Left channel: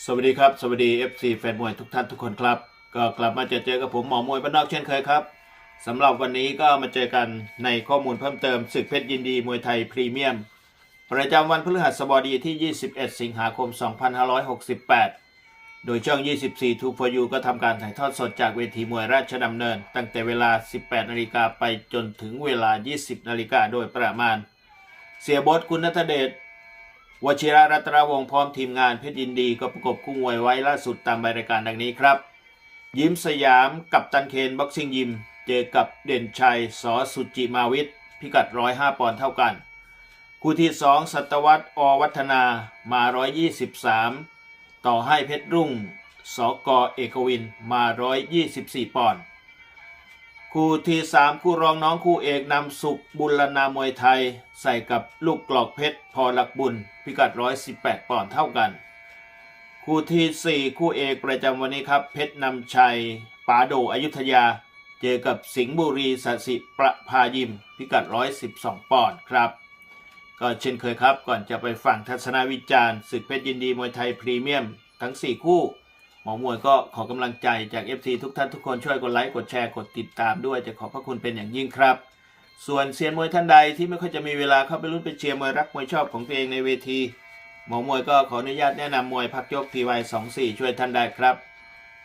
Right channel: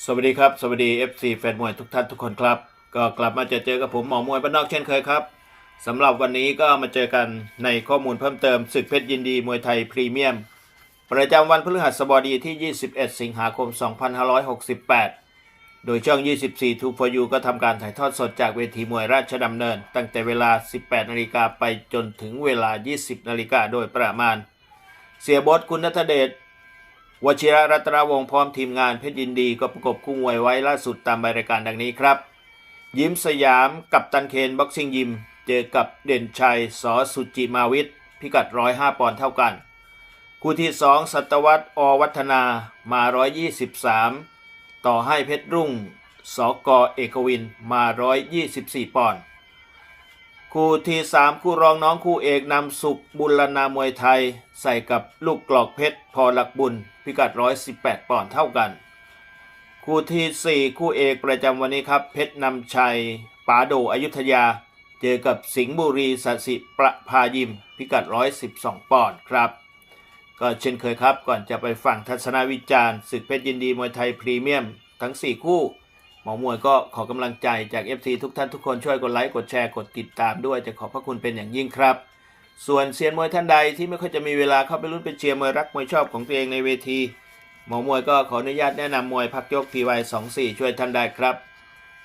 สวัสดีครับ สวัสดี FC แฟนมวยทุกท่านทุกคนครับ ก็กลับมาเจอเจอกับผมหมอมวยบ้านนอกเช่นเคยครับสำหรับวันนี้ก็มาเจอกันในข้อมูลเพิ่มเติมศึกเพชรยินดีมวยไทยพรีเมียม ประจำวันพฤหัสบดีที่ 21 สิงหาคม 2568 โดยช่อง 24 2 for you ก็ทำการถ่ายทอดสดจากเวทีมวยราชดำเนิน ตั้งแต่เวลา 18 นาฬิกาไปจนถึงเวลา 20 นาฬิกาโดยประมาณ เสียบดคุณนัทเดช วชิระรัตนวงศ์พร้อมทีมงานเพชรยินดีก็ประกบคู่มวยไว้ล่าสุดตามรายการดังนี้ครับ ยิ้มสยามกับตันเคนบ็อกซิ่งยิม เจอกับเด่นชัยสอสุจิมาวิทย์พิกัด 105 ปอนด์เท่ากัน คู่ที่ 2 สัตวัตอวัฒนามา 123 ต่อให้เพชรรุ่ง สกเอกวินมา 124 ปอนด์ คู่ที่3คู่รองน้องคู่เอกนำสุขบุรณามวยไทย ใส่กับลูกกลอกเพชรพอหลักบุญ พิกัด 118 ปอนด์เท่ากัน คู่ที่ 4 คู่เอกประจำวันนี้ครับ เพชรนำชัยป๋าโดอยุธยา เจอกับสิงห์บุรีสสิประภายิม พิกัด 112 ปอนด์ครับ ก็เช่นเคยครับก่อนจะไปฟังทัศนวิจารณ์ศึกเพชรยินดีมวยไทยพรีเมียม ทั้ง 4 คู่ หมอมวยก็ขอกำลังใจจาก FC ทุกท่านทุกคนช่วยกดไลค์กดแชร์กดติดตามด้วยจะขอบพระคุณเป็นอย่างยิ่งครับ ส่วนเซียนมวยท่านใดที่ไม่ค่อยจะมีเวลาเข้าไปรุ่นไปเชียร์มวยรักมวยชอบของตัวเองในเวทีหมอมวยก็ขออนุญาตแนะนำมวยพักยก PY 24 ช่วยท่านได้ครับ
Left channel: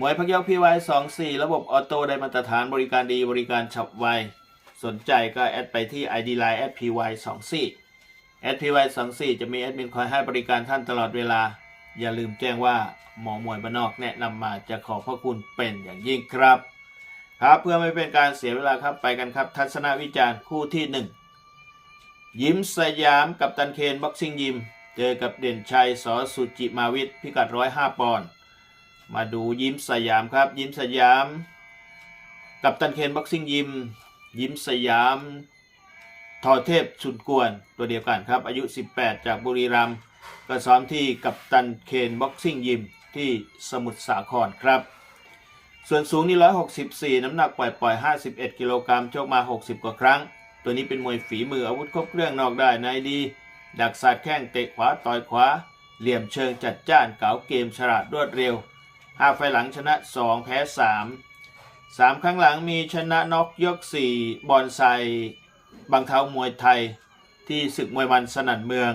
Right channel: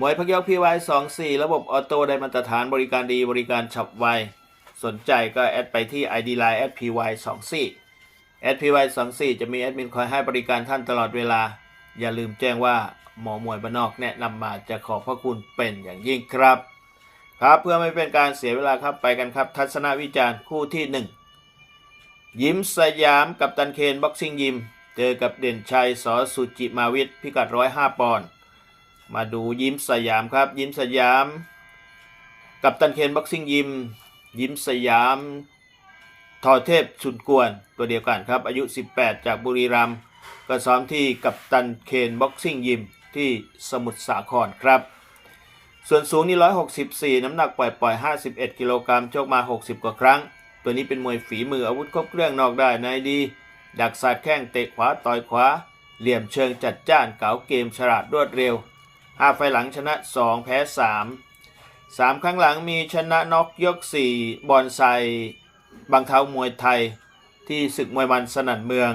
มวยพักยก PY 24 ระบบออโต้ได้มาตรฐานบริการดีบริการฉับไวสนใจก็แอดไปที่ ID Line @PY 24 @PY 24 จะมีแอดมินคอยให้บริการท่านตลอดเวลา อย่าลืมแจ้งว่าหมอมวยบ้านนอกแนะนำมาจะขอบพระคุณเป็นอย่างยิ่งครับ ครับเพื่อไม่เป็นการเสียเวลาครับไปกันครับ ทัศนวิจารณ์คู่ที่หนึ่งยิ้มสยามกับตันเคนบ็อกซิ่งยิม เจอกับเด่นชัยสอสุจิมาวิทย์พิกัด105 ปอนด์มาดูยิ้มสยามครับ ยิ้มสยาม กับตันเคนบ็อกซิ่งยิม ยิ้มสยามทอเทพชุนกวนตัวเดียวกันครับอายุ 18 จากบุรีรัมย์ ก็ซ้อมที่กับตันเคนบ็อกซิ่งยิมที่สมุทรสาครครับ ส่วนสูงนี่ 164 น้ำหนักปล่อยปล่อย51 กิโลกรัมชกมา 60 กว่าครั้ง ตัวนี้เป็นมวยฝีมืออาวุธครบเครื่องนอกได้ในดี ดักสาดแข้งเตะขวาต่อยขวา เหลี่ยมเชิงจัดจ้านเก๋าเกมฉลาดรวดเร็ว5ไฟหลังชนะ 2 แพ้ 3 3 ครั้งหลังมีชนะน็อกยก 4 บอลไซบังเท้ามวยไทย ที่ศึกมวยมันสนั่นเมือง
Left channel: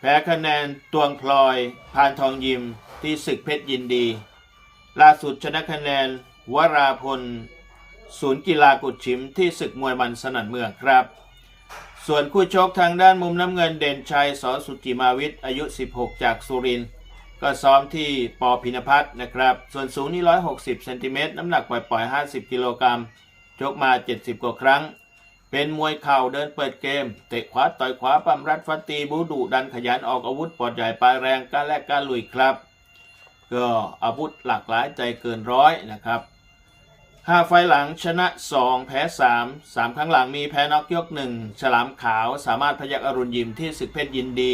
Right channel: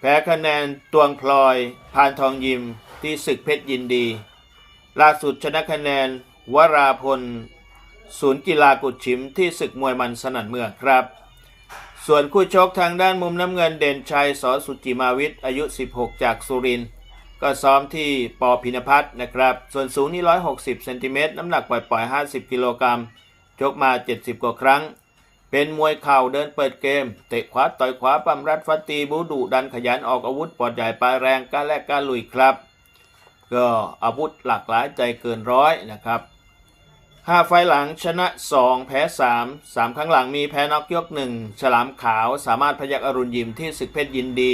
แพ้คะแนนตวงพลอย พานทองยิมที่ศึกเพชรยินดี ล่าสุดชนะคะแนน วราพล ศูนย์กีฬากุดชิมที่ศึกมวยมันสนั่นเมืองครับ ส่วนคู่ชกทางด้านมุมน้ำเงินเด่นชัยสอสุจิมาวิทย์อายุ 16 จากสุรินทร์ก็ซ้อมที่ปอพินพัฒน์นะครับ ส่วนสูงนี่160เซนติเมตรน้ำหนักปล่อยๆ50 กิโลกรัมชกมา 70 กว่าครั้ง เป็นมวยเข่าเดินเปิดเกม เตะขวาต่อยขวาปั้มรัดฟัดตีบูดุดันขยันออกอาวุธปอดใหญ่ปลายแรงกล้าแลกกล้าลุยครับ ก็อาวุธหลากหลายใจเกินร้อยนะครับห้าไฟหลังชนะ 2 แพ้ 3 3 ครั้งหลังมีแพ้น็อกยก 1 ฉลามขาวสามารถพยักอรุณยิมที่ศึกเพชรยินดี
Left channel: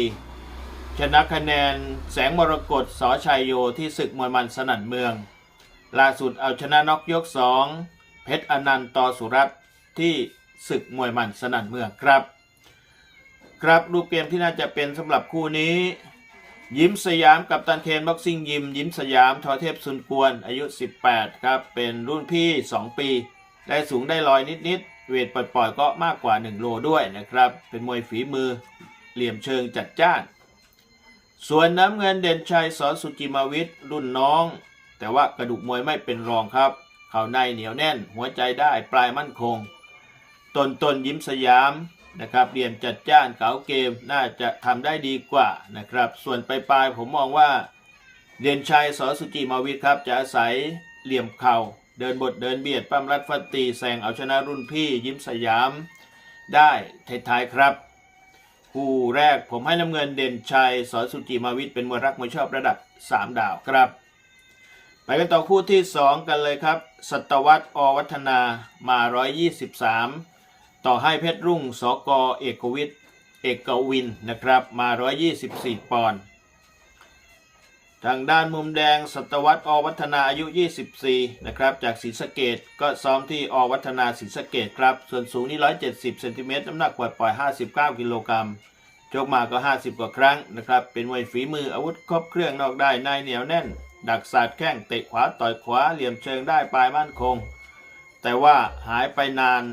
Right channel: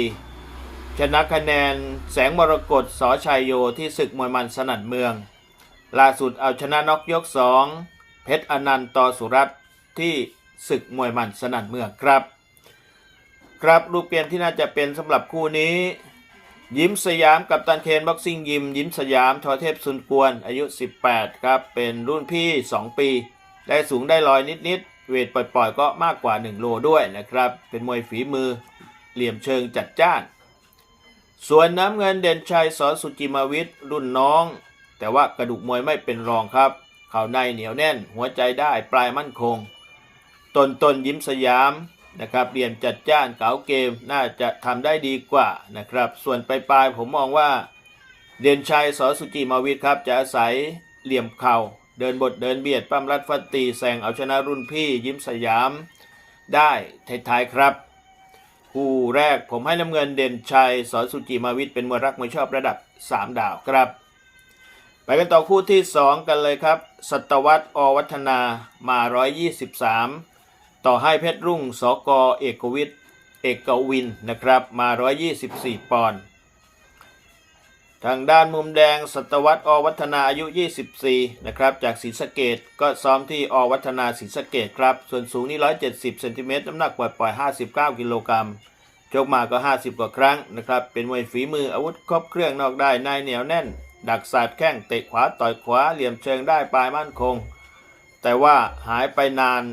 ชนะคะแนนแสงมรกตสอชัยโยที่ศึกมวยมันสนั่นเมือง ล่าสุดเอาชนะน็อกยก 2 เพชรอนันต์ต่อสุรัตน์ที่ ศึกมวยมันสนั่นเมืองครับ ครับรูปเกมที่น่าจะเป็นสำหรับคู่นี้ ยิ้มสยามกับตันเคนบ็อกซิ่งยิม ยิ้มสยามทอเทพสุนกวนอายุ 18 ครับ เป็นรุ่นพี่ 2 ปี ได้สูงได้ลอยนิดๆเวทปล่อยๆ ก็มากกว่า 1 โลด้วยนะครับ เป็นมวยฝีมือเหลี่ยมเชิงจัดจ้าน ส่วนน้ำเงินเด่นชัยสอนสุจิมาวิทย์รุ่นน้อง แต่ว่ากระดูกมวยไม่เป็นรองครับ เข่าในเหนียวแน่น หัวใจได้ปลายมั่นคง ตนตนยิ้มสยามนะครับเรียนจัดจ้านเก๋าเกมน่าจะทำได้ดีกว่านะครับ ส่วนปลายๆผมมองว่า เด่นชัยสอสุจิมาวิทย์ครับ จะอาศัยเหลี่ยมเข่า เดินบทเดินเบียดปั้มรัดฟัดตีแซงเอาชนะรุ่นพี่ยิ้มสยามได้ท้ายๆครับคู่แรกผมให้น้ำเงินเด่นชัยสอสุจิมาวิทย์เป็นมวยรักมวยชอบระดับ 3 ดาวครับไปกันต่อคู่ที่ 2 กันเลยครับ สัตวัตอวัฒนามา 123 ต่อให้เพชรรุ่งสกเอกวิทย์เอกวินนะครับมา 124 ปอนด์ทางด้านมุมแดงสัตวัตอวัฒนาอายุ 24 นะครับ จากศรีสะเกดก็ซ้อมที่อวัฒนาศรีสะเกดครับ ส่วนสูงนี่ 170 เซนติเมตรน้ำหนักปล่อยๆ59 กิโลกรัมชกมาก็ 50 กว่าครั้งนะครับ เป็นมวยฝีมืออาวุธครบเครื่องนอกได้ในเหนียวแน่น ดักสาดแข้งเตะขวาต่อยขวาเหลี่ยมเชิงได้ปลายมั่นคง แต่ว่าหายไปนาน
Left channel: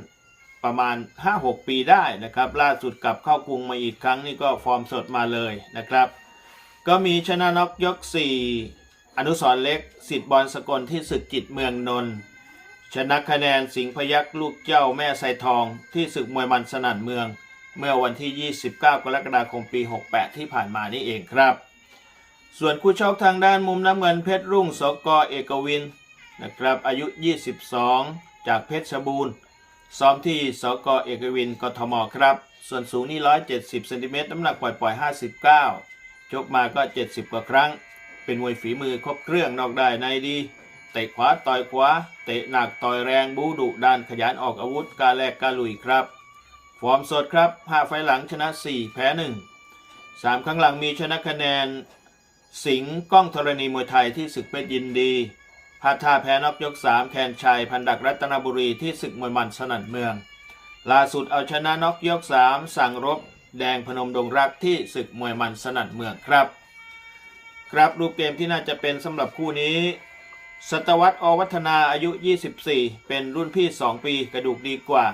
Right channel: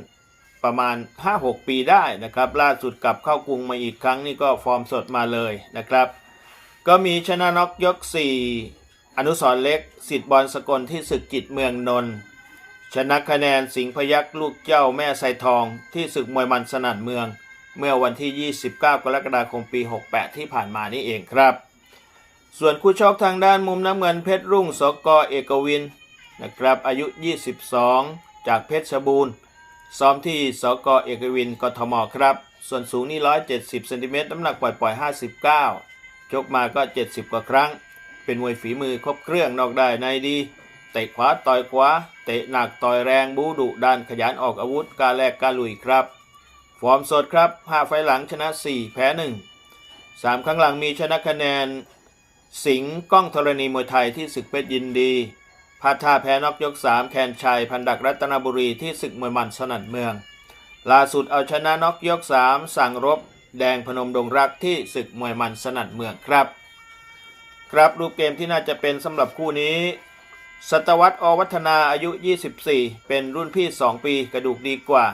ประมาณ 5-6 ปีได้นะครับ ล่าสุดกลับเข้ากรุงมาอีกครั้งนี่ก็ฟอร์มสดมาเลยนะครับ ก็มีชนะน็อกยก 4 อนุสรเล็กสิทธิ์บอลสกลที่ศึกจิตเมืองนนท์ชนะคะแนนสิงพยักลูกเจ้าแม่ไซทองที่ศึกมวยมันสนั่นเมือง เมื่อวันที่ 29 กรกฎาคมปี 68 ที่ผ่านมานี่เองครับ ส่วนคู่ชกทางด้านมุมน้ำเงินเพชรรุ่งสกอเอกวินนะครับอายุ 22 จากเพชรบูรณ์ ซ้อมที่สกเอกวินกทมครับ ส่วนสูงนี่ 170เซนติเมตรน้ำหนักปล่อยๆ 59 ชกมาก็ 70 กว่าครั้ง เป็นมวยฝีมือครบเครื่องนอกได้ในดี เตะขวาต่อยขวา เตะหนักต่อยแรงบูดุดันขยันออกอาวุธกาแลกกาลุยครับ ฟอร์มสดครับ 5 ไฟหลังชนะ 4 แพ้ 1 3 ครั้งหลังมีชนะคะแนน สิงห์ก้องธรณีมวยไทยที่ศึกเพชรยินดี พาท่าแพ้นอกยก 3 แคนชัย พันดักรัตนบุรีที่ศึกมวยมันสนั่นเมือง ล่าสุดเอาชนะนอกยก 3 สั่งรบ แดงพนมดงรักที่ศึกมวยมันสนั่นเมืองครับ ครับรูปเกมที่น่าจะเป็นสำหรับคู่นี้สตวัตอวัฒนาอายุ 24 เป็นรุ่นพี่ 2 ปีกระดูกดีกว่า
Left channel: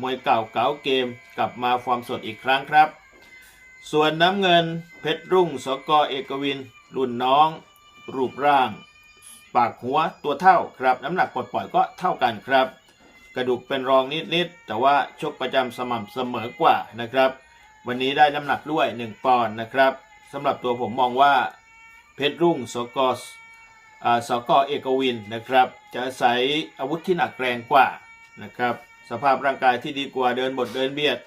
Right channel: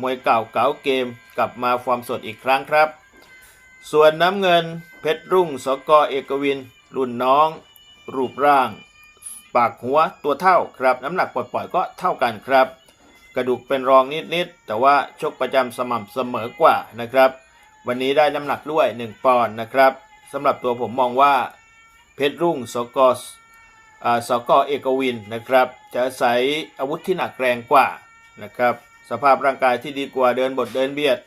มวยเก่าเก๋าเกมกลับมาฟอร์มสดอีกครั้งครับ ส่วนน้ำเงินเพชรรุ่งสกอเอกวิน รุ่นน้อง รูปร่าง ปากหัวตัวเท่าครับ น้ำหนักปล่อยๆก็เท่ากันครับ กระดูกเป็นรองนิดๆแต่ว่าชกประจำสม่ำเสมอกว่านะครับ วันนี้ได้น้ำหนักด้วย 1 ปอนด์นะครับสำหรับตัวผมมองว่าเพชรรุ่งสกอ่าสกอเอกวินนะครับ จะอาศัยอาวุธที่หนักแรงกว่านะครับ สภาพร่างกายที่ดีกว่าเดินบทเดินเบียด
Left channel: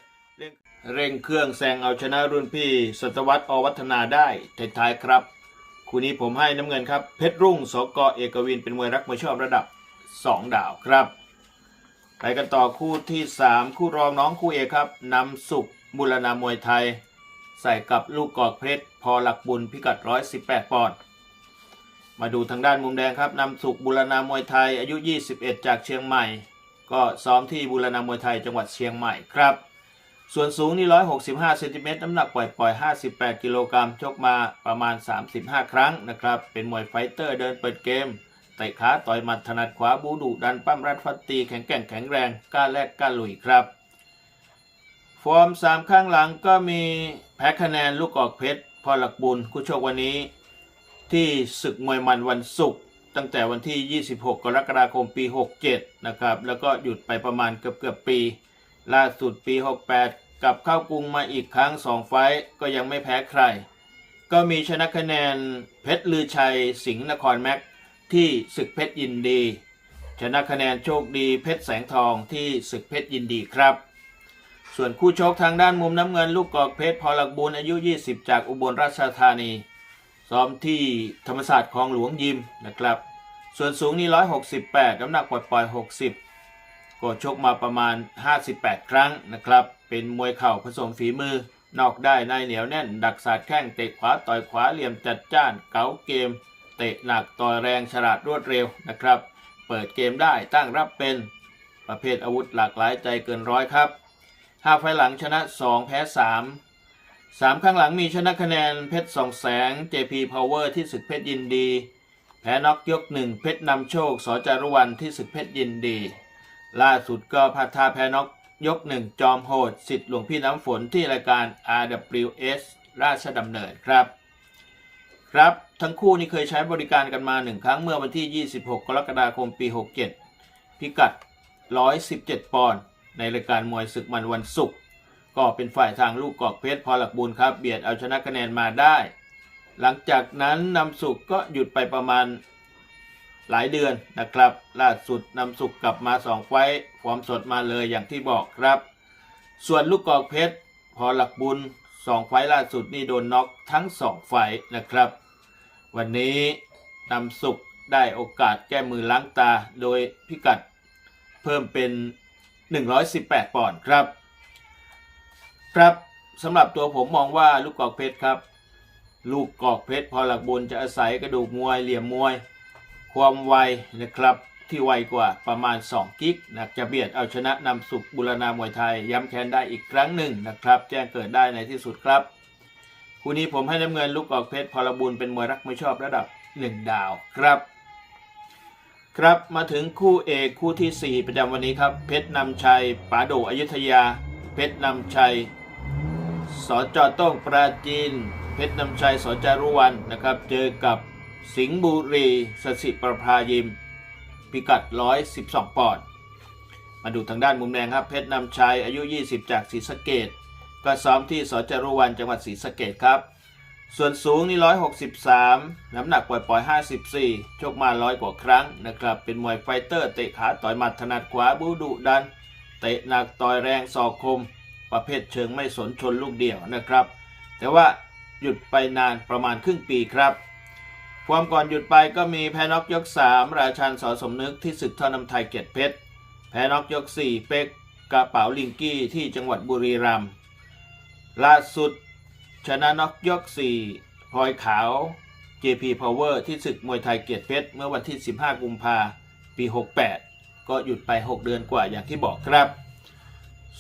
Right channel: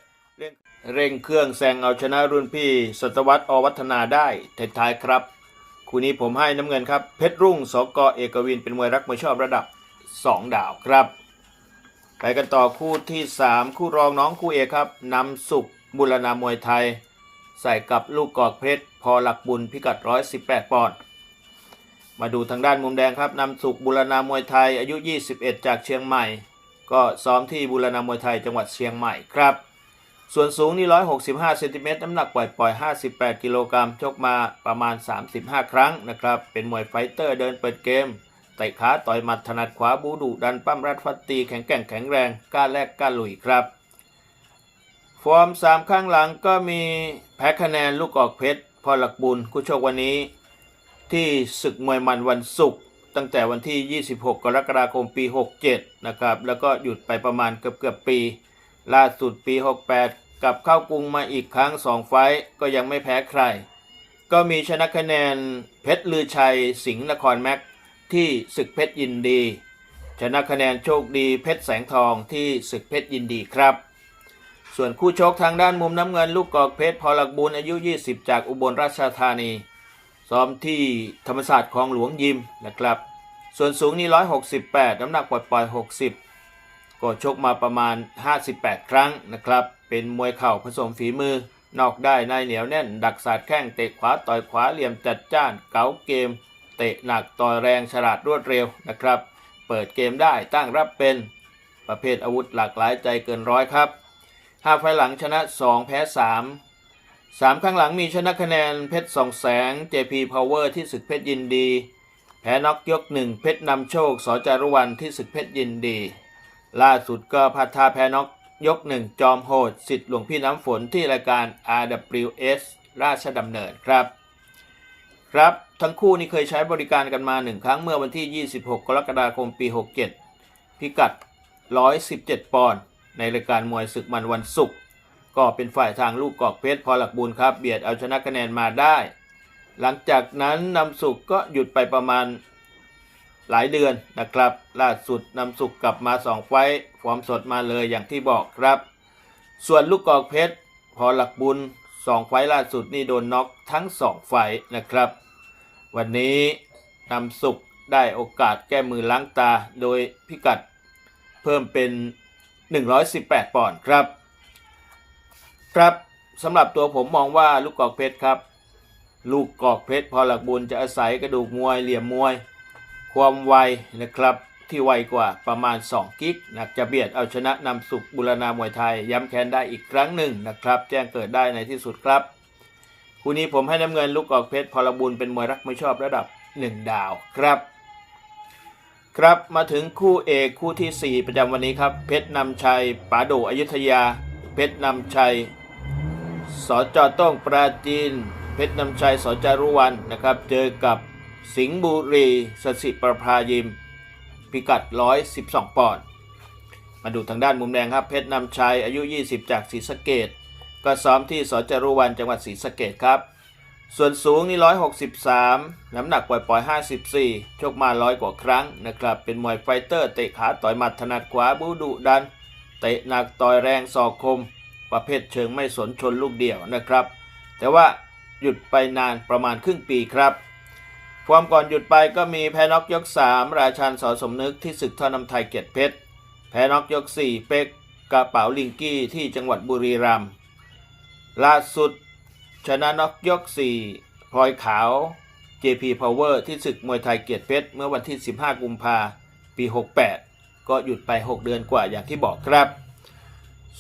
เร่งเครื่องแซงเอาชนะรุ่นพี่สตวัตอวัฒนาได้ท้ายๆครับ คู่นี้ผมให้น้ำเงินครับ เพชรรุ่งสกเอกวินเป็นมวยรักมวยชอบระดับ 2 ดาวครับ ไปกันต่อคู่ที่ 3 คู่รองน้องคู่เอกครับนำสุขบุรณามวยไทย ใส่กับลูกกอกเพชรพอหลักบุญพิกัด 118 ปอนด์มาดูทางด้านมุมแดงครับนำสุขบุรณามวยไทยอายุ 21 จากเชียงใหม่ ก็ซ้อมที่บุรณามวยไทยจังหวัดเชียงใหม่ครับ ส่วนสูงนี่ 165เซนติเมตรน้ำหนักปล่อยปล่อย 58 กิโลกรัมชกมาประมาณ 35 ครั้งนะครับ เป็นมวยไฟเตอร์เดินเปิดเกมเตะขาต่อยหมัดถนัดขวาบูดุดันปั้มรัดฟัดตีแข็งแกร่งแข็งแรงกล้าแลกกล้าลุยครับ ฟอร์ม 3 ข้างหลังก็มีแพ้คะแนนลูกออกเพชรพอหลักบุญคู่ชกวันนี้ ที่ศึกมวยมันวันศุกร์ตั้งแต่วันที่ 26 กรกฎาคมปี 67 นะครับ แล้วก็หยุดไปประมาณเกือบเกือบปี ล่าสุดปี 68 กับเข้ากรุงมาอีกครั้ง 2 ไฟก็ยังไม่แพ้ใคร ก็มีชนะคะแนนเพชรลือชัยสิงห์นครแม็กที่ศึกเพชรยินดี ชนะคะแนนโชคดีเพชรแสงทองที่ศึกเพชรยินดีครับ ส่วนคู่ชกทางด้านมุมน้ำเงินลูกกอกเพชรพอหลักบุญอายุ 20 จากอุบลราชธานี ซ้อมที่ธรรมศาสตร์คลองหลวงยิมนะครับ ส่วนสูงนี่168 น้ำหนักปล่อยๆ60 ก็ชกมาประมาณ 58 ครั้งนะครับ เป็นมวยเข่าผสมฝีมือ นอกได้ในเหนียวแน่น ดักสาดแข้งเตะขวาต่อยขวาเหลี่ยมจัดจ้าน เก๋าเกม เตะหนักต่อยแรงฉลาดรวดเร็วนะครับ เปิดเกมได้ตั้งรับเป็นประเภทอาวุธหลากหลายใจเกินร้อยครับห้าไฟหลังชนะ 2 แพ้3สามข้างหลังมีชนะคะแนนเพชรสองแสง JP Power ที่ศึกเพชรยินดี แพ้น็อกยกหนึ่งเพชรนำโชคสจารุวันที่ศึกเพชรยินดี ล่าสุดก็พัทาแพ้น็อกยกหนึ่งจอมโหดสิทธิ์หลวงพี่น้ำฝนที่รายการ RWS ราชดำเนินครับ ครับทั้งคู่นี้เคยใช้บริการกันมาหนึ่งครั้งเมื่อวันที่ 26 กรกฎาคมปี 67 พิกัด 117 ปอนด์ในรายการมวยศึกมันวันศุกร์ก็เป็นฝ่ายทางลูกกอกเพชรพอหลักบุญครับ เบียดเอาชนะคะแนนมาได้ หลังจากนั้นนำสุกก็หยุดไปประมาณ หลายเดือนนะครับล่าสุดนำสุกกลับมาสองไฟต์ฟอร์มสดมาเลยอย่างที่บอกครับ ส่วนลูกกอกเพชร พอหลักบุญสองไฟต์ล่าสุดนี่โดนน็อกทั้งสองไฟต์นะครับ วันนี้นำสุกได้โอกาสแก้มือล้างตาโดยพิกัดเพิ่มเป็น 118 ปอนด์ครับ ครับสำหรับตัวผมมองว่าลูกกอกเพชรครับ ลูกกอกเพชรพอหลักบุญจะอาศัยกระดูกมวยเหลี่ยมมวย ความไวนะครับที่ไวกว่าประมาณ 2 กิกนะจะเบียดเอาชนะนำสุขบุรณามวยไทย ย้ำแค้นได้อีกครั้งหนึ่งนะครับ แจ้งเกิดได้ในที่สุดครับ คู่นี้ผมให้น้ำเงินลูกออกเพชรพลบุญเป็นมวยรักไม่ชอบระดับ 1 ดาวครับ ครับมาถึงคู่เอกคู่ทีสี่4 ประจำวันนี้ครับ เพชรนำชัยป๋าโดอยุธยา เพชรนำชัยสจต้องปราจีน เพชรนำชัยสจารุวันนะครับ เจอกับ สิงห์บุรีสสิประภายิม พิกัด 112 ปอนด์มาดูทางด้านมุมแดงครับ เพชรนำชัยอายุ 20 จากศรีสะเกดก็ซ้อมที่สจรุวันจังหวัดศรีสะเกดครับ ส่วนสูงนี่ 163 น้ำหนักปล่อยๆ54 ชกมาร้อยกว่าครั้งนะครับ เป็นมวยไฟเตอร์เตะขาต่อยหมัดถนัดขวาบูดุดัน เตะหนักต่อยแรงศอกคม ประเภทเชิงไม่สนชนลูกเดี่ยวนะครับ แต่ว่าหยุดไปนานประมาณครึ่งปีครับ ความก่อนหยุดไปก็มีแพ้น็อกยก 3 ราชันสอสมนึกที่ศึกท่อนำไทยเกียรติเพชร แพ้น็อกยก 4 เป็กกระเป๋าลิงกี้ที่จังหวัดบุรีรัมย์ล่าสุดชนะน็อกยก 4 พลอยขาว JP Power ที่ศึกมวยไทยเกียรติเพชร เมื่อวันที่ 15 กุมภาปี 68 ก็หยุดไป 6 เดือนกว่าอย่างที่บอกครับ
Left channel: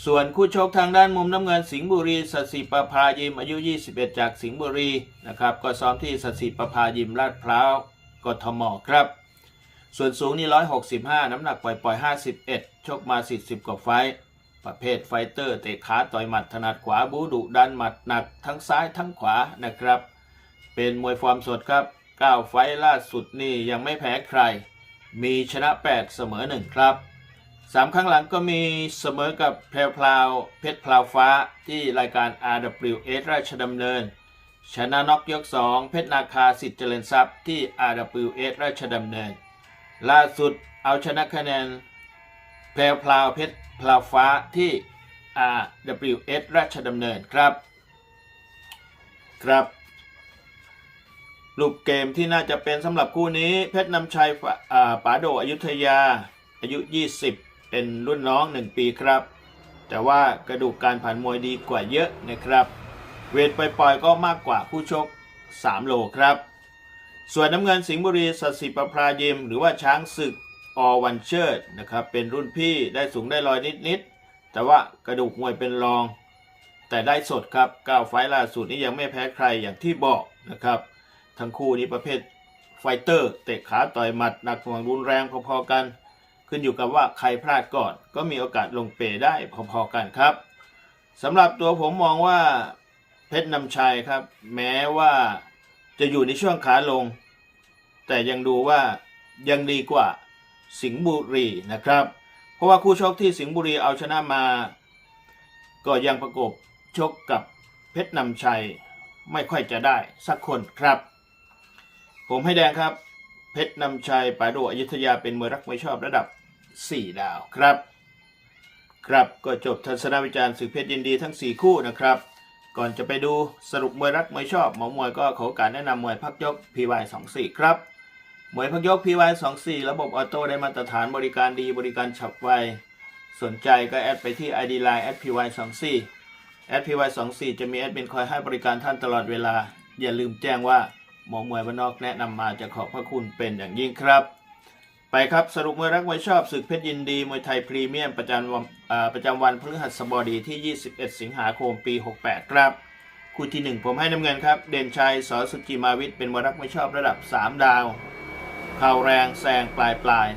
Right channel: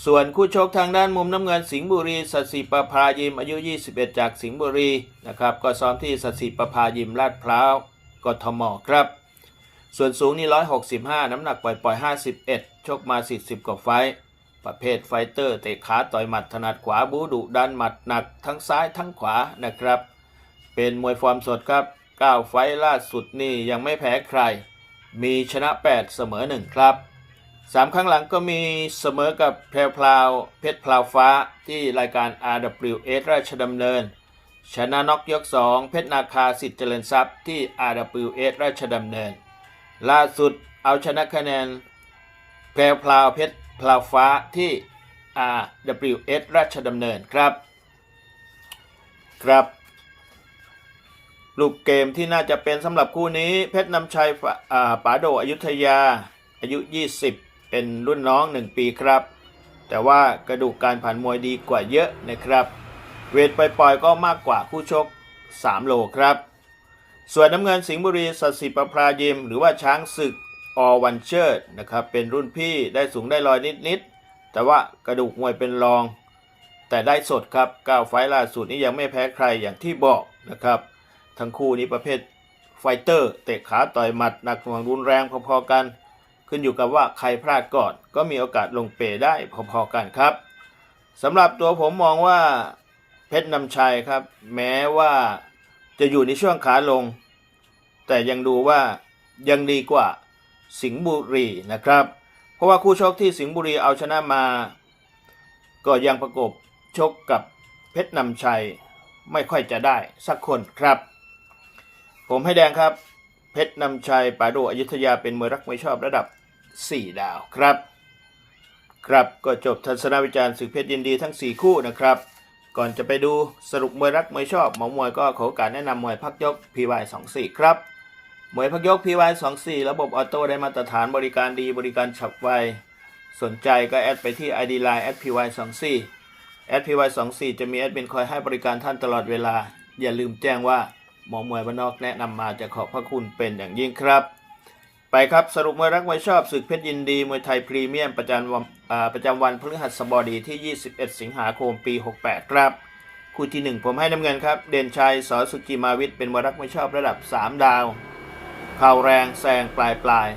ส่วนคู่ชกทางด้านมุมน้ำเงินสิงห์บุรีสัตสิประภายิมอายุ 21 จากสิงห์บุรีนะครับก็ซ้อมที่สัตสิประภายิมลาดพร้าวกทมครับ ส่วนสูงนี่ 165 น้ำหนักปล่อย ๆ 51 ชกมา 40 กว่าไฟ ประเภทไฟเตอร์เตะขาต่อยหมัดถนัดขวาบูดุดันหมัดหนักทั้งซ้ายทั้งขวานะครับ เป็นมวยฟอร์มสดครับ 9 ไฟล่าสุดนี่ยังไม่แพ้ใคร มีชนะ 8 เสมอ 1 ครับ 3ครั้งหลังก็มีเสมอกับแพรพลาวเพชรพลาวฟ้าที่รายการ RWS ราชดำเนิน ชนะน็อกยก 2 เพชรนาคาสิทธิ์เจริญทรัพย์ที่ RWS ราชดำเนิน ล่าสุดเอาชนะคะแนนแพรพลาวเพชรพลาวฟ้าที่ RWS ราชดำเนินครับ ครับรูปเกมที่น่าจะเป็นสำหรับคู่นี้ เพชรนำชัยป๋าโดอยุธยาอายุ 20 เป็นรุ่นน้อง 1 ปีครับ แต่ว่ากระดูกการผ่านมวยดีกว่าเยอะนะครับ เวทปล่อยๆก็มากกว่าคู่ชก 3 โลครับ ส่วนน้ำเงินสิงห์บุรีสัตสิประพรายิม หรือว่าช้างศึกอวันเชิดนะครับ เป็นรุ่นพี่ได้สูงได้ลอยนิดๆ แต่ว่ากระดูกมวยเป็นรอง แต่ได้สดครับ9ไฟล์ล่าสุดนี้ยังไม่แพ้ใครอย่างที่บอกนะครับ ทั้งคู่นี้ประเภทไฟเตอร์เตะขาต่อยหมัดหนักหน่วงรุนแรงพอๆกัน ขึ้นอยู่กับว่าใครพลาดก่อน ก็มีโอกาสลงเปได้พอๆกันครับสำหรับตัวผมมองว่าเพชรนำชัยครับ แม้ว่าจะอยู่ในช่วงขาลง แต่ยังดูว่ายังดีกว่าสิงห์บุรีนะครับ เพราะว่าคู่ชกที่สิงห์บุรีเอาชนะมา ก็ยังประกบชกกับเพชรนำชัยไม่ค่อยจะได้สักคนครับ ผมให้แดงครับ เพชรนำชัยป่าโดอยุธยาเป็นมวยรักไมวยชอบระดับ 4 ดาวครับ ครับก็จบทัศนวิจารณ์ศึกเพชรยินดีทั้ง 4 คู่นะครับ ก่อนจะไปดูสรุปมวยรักมวยชอบหมอมวยก็ขอกาสแนะนำมวยพักยก PY24 ครับมวยพักยก PY24 ระบบออโต้ได้มาตรฐานบริการดีบริการฉับไว สนใจก็แอดไปที่ ID Line @py24 @py24 จะมีแอดมินคอยให้บริการท่านตลอดเวลา อย่าลืมแจ้งว่าหมอมวยบ้านนอกแนะนำมาจะขอบพระคุณเป็นอย่างยิ่งครับ ไปครับสรุปมวยรักมวยชอบศึกเพชรยินดีมวยไทยพรีเมียมประจำวันประจำวันพฤหัสบดีที่ 21 สิงหาคมปี 68 ครับ คู่ที่ 1 ผมให้น้ำเงินครับ เด่นชัยสอสุจิมาวิทย์เป็นมวยรักมวยชอบระดับ 3 ดาวเข่าแรงแซงปลายปลาย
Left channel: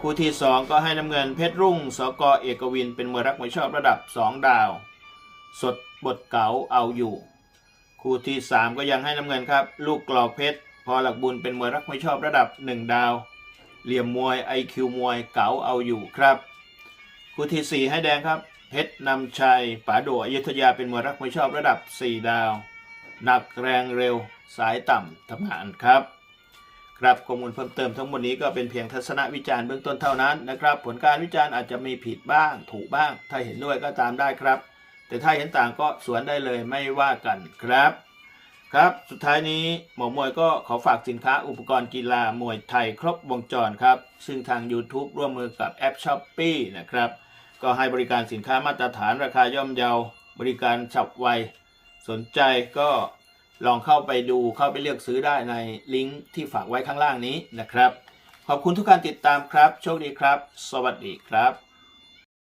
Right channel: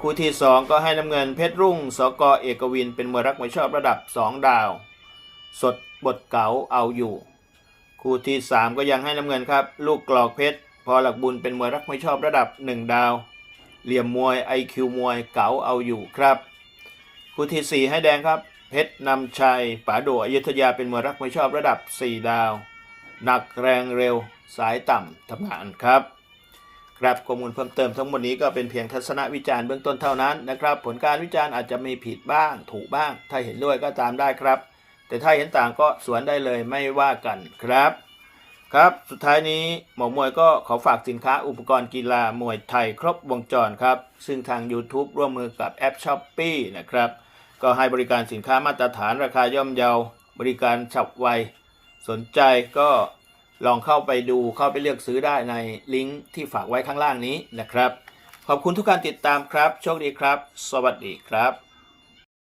คู่ที่ 2 ก็ให้น้ำเงินเพชรรุ่งสกเอกวิน เป็นมวยรักมวยชอบระดับ 2 ดาว สดบทเก๋าเอาอยู่ คู่ที่ 3 ก็ยังให้น้ำเงินครับ ลูกกรอกเพชรพอหลักบุญเป็นมวยรักมวยชอบระดับ 1 ดาว เหลี่ยมมวย IQ มวยเก๋าเอาอยู่ครับคู่ทีสี่ 4 ให้แดงครับ เพชรนำชัยป๋าโดอยุธยาเป็นมวยรักมวยชอบระดับ 4 ดาว หนักแรงเร็วสายต่ำทำงานครับ ครับข้อมูลเพิ่มเติมทั้งหมดนี้ก็เป็นเพียงทัศนวิจารณ์เบื้องต้นเท่านั้นนะครับ ผลการวิจารณ์อาจจะมีผิดบ้าง ถูกบ้าง ถ้าเห็นด้วยก็ตามได้ครับ แต่ถ้าเห็นต่างก็สวนได้เลยไม่ว่ากันครับ ครับ สุดท้ายนี้หมอมวยก็ขอฝากสินค้าอุปกรณ์กีฬามวยไทยครบวงจรครับ ซึ่งทาง YouTube ร่วมมือกับแอป s h อ p e e นะครับ ก็ให้บริการสินค้ามาตรฐานราคาย่อมเยา บริการฉับไว สนใจก็ลองเข้าไปดูเข้าไปเลือกซื้อได้ในลิงก์ที่ฝากไว้ข้างล่างนี้นะครับ ขอบคุณทุกการติดตามครับ โชคดีครับ สวัสดีครับ